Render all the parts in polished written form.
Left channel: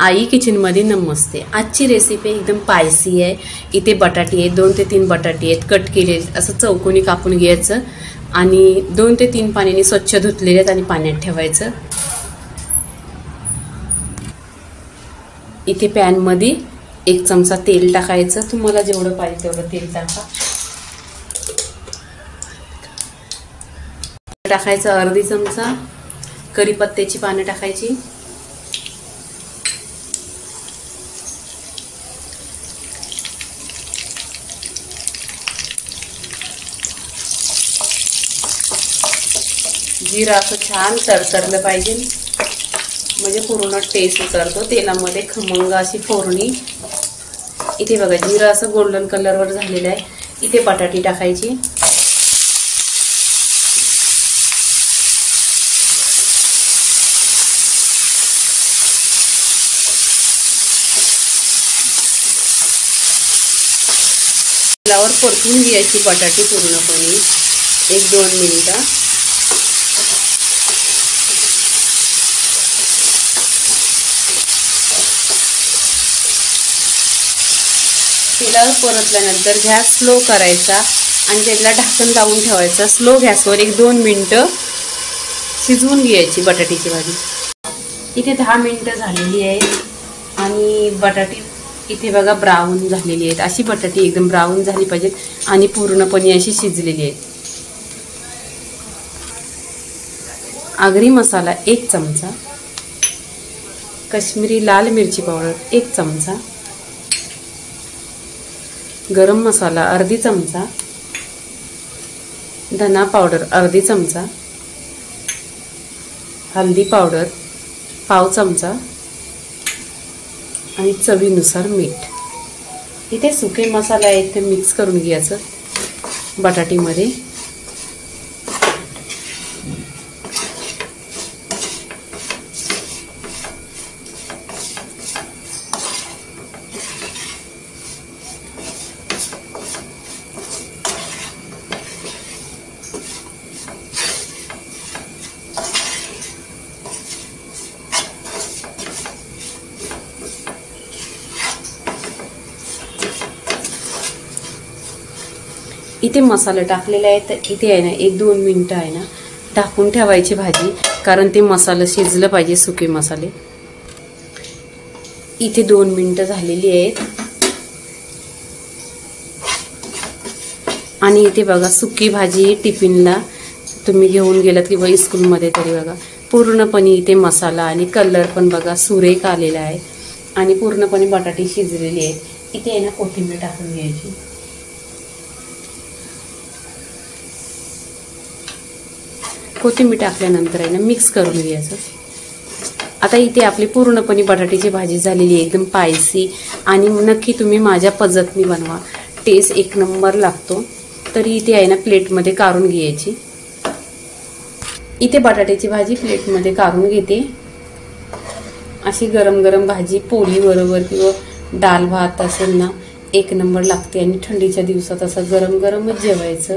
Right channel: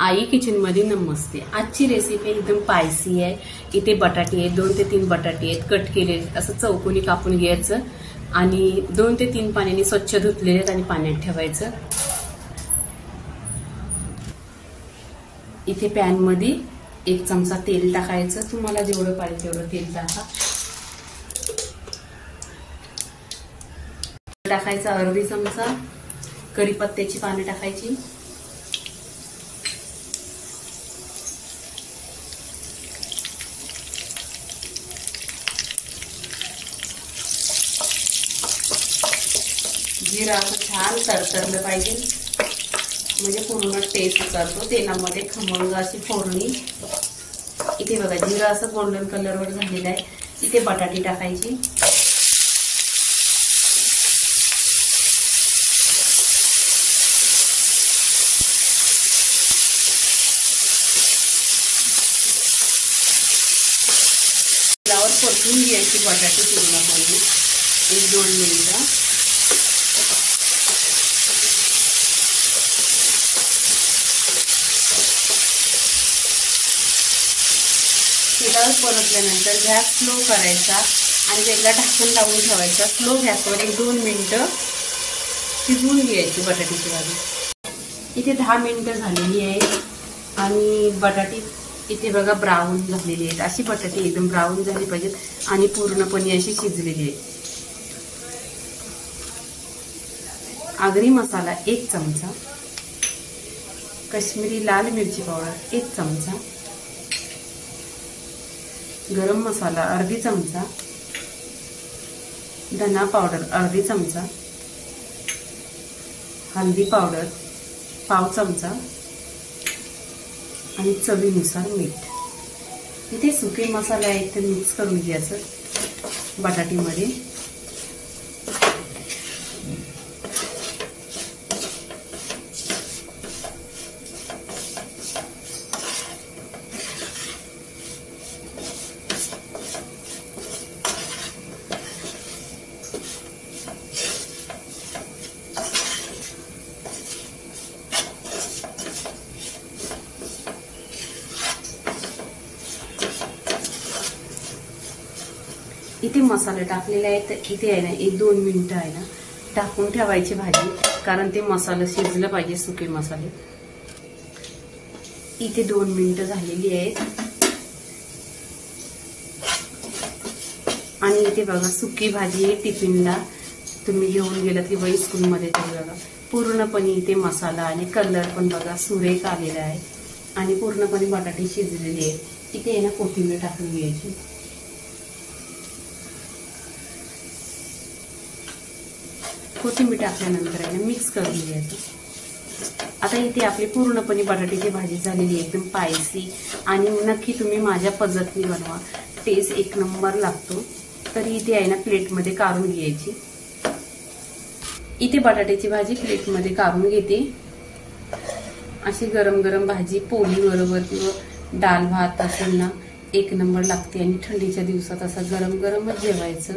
आई kitchen मध्ये नमस्ते। आजची recipe एकदम स्पायसी आहे। इथे बटाटे आहेत, 2 ते 3 बटाटे आहेत, कट केले असं चौकोनी कापून घ्यायचं आणि 2 ते 3 पाण्याने स्वच्छ धुतलेले आहेत आणि पाण्यात ठेवायचं। इथे पॅन मध्ये 1 चमचा तेल टाकायचं, तुम्हाला जेवढं पाहिजे तेवढं तेल टाकायचं। अर्धी चमचा कढीपत्त्याची पानं टाकायची, जिरा असं छान तरतरलं पाहिजे, म्हणजे पूर्ण टेस्ट उतरतो तेलामध्ये, खमंग अशी फोडणी। इथे बघा जिरा असं गोल्डन कलरवर झालेलं आहे। इथे बटाटी टाकायची, तेलावर परतून घ्यायची बटाटी पूर्णपणे 1-2 मिनिटं। तेलावर परतल्यानंतर गॅस स्लो करायचा आणि त्याला ढाकण लावून ठेवायचा। स्लो गॅसवर 1-2 मिनिटं शिजवून घ्यायची बटाट्याची भाजी। इथे 10 मिनिटं झालेली आहे आणि बटाटी इथे बघा ब्राऊन झालेली आहेत। अशी बटाटी एकदम ब्राऊन झाली पाहिजे आणि पूर्णपणे अशी शिजलेली आहे। आगरी मसाला 1 चमचा, काश्मीरी लाल मिरची पावडर 1 चमचा, गरम मसाला अर्धी चमचा, धना पावडर अर्धी चमचा, हल्दी पावडर पाव चमचा आणि चवीनुसार मीठ। इथे सुके मसाले आहेत ते मिक्स करून घ्यायचं बटाटीमध्ये। इथे मसाले टाकलेले आहेत, तर इथे आहे ना 1-2 मिनिटं आहे ना ढाकून ठेवायची भाजी, कारण ते मसाला शिजलं पाहिजे, सुके मसाले। इथे 2 मिनिटं झालेली आहेत आणि इथे बघा सुकी भाजी टिफिनला तुम्ही घेऊन गेलात किंवा स्कूलमध्ये तरी बघा पूर्णपणे इथे मसाला आणि कलर पण बघा सुरेख आलेला आहे आणि पूर्णपणे बटाटे शिजलेली आहे। इथे आहे ना कोथिंबीर टाकून घ्यायची। कोथिंबीर टाकल्यानंतर आहे ना मिक्स करून घ्यायचं। आता इथे आपली पूर्णपणे बटाट्याची भाजी झालेली आहे, एकदम स्पायसी, आणि नक्की तुम्ही माझ्या पद्धतीने बनवा, टेस्ट 1 नंबर लागतो। तरी इथे आहे ना प्लेटमध्ये काढून घ्यायची। इथे बटाट्याची भाजी प्लेटमध्ये काढून घेते। अशी गरम गरम भाजी पोळी बरोबर किंवा डाल भात असेल ना 1 नंबर लागते, आणि थंडीच्या दिवसात असं गरम गरमच जेवायचं,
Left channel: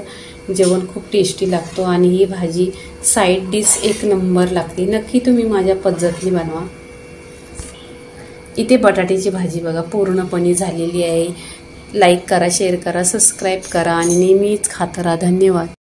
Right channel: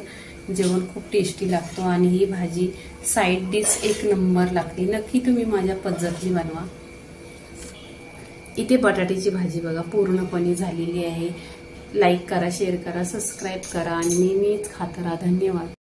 जेवण खूप टेस्टी लागतो आणि ही भाजी साईड डिश 1 नंबर लागते। नक्की तुम्ही माझ्या पद्धतीने बनवा। इथे बटाट्याची भाजी बघा पूर्णपणे झालेली आहे। लाईक करा, शेअर करा, सबस्क्राईब करा आणि नेहमीच खात राहा। धन्यवाद।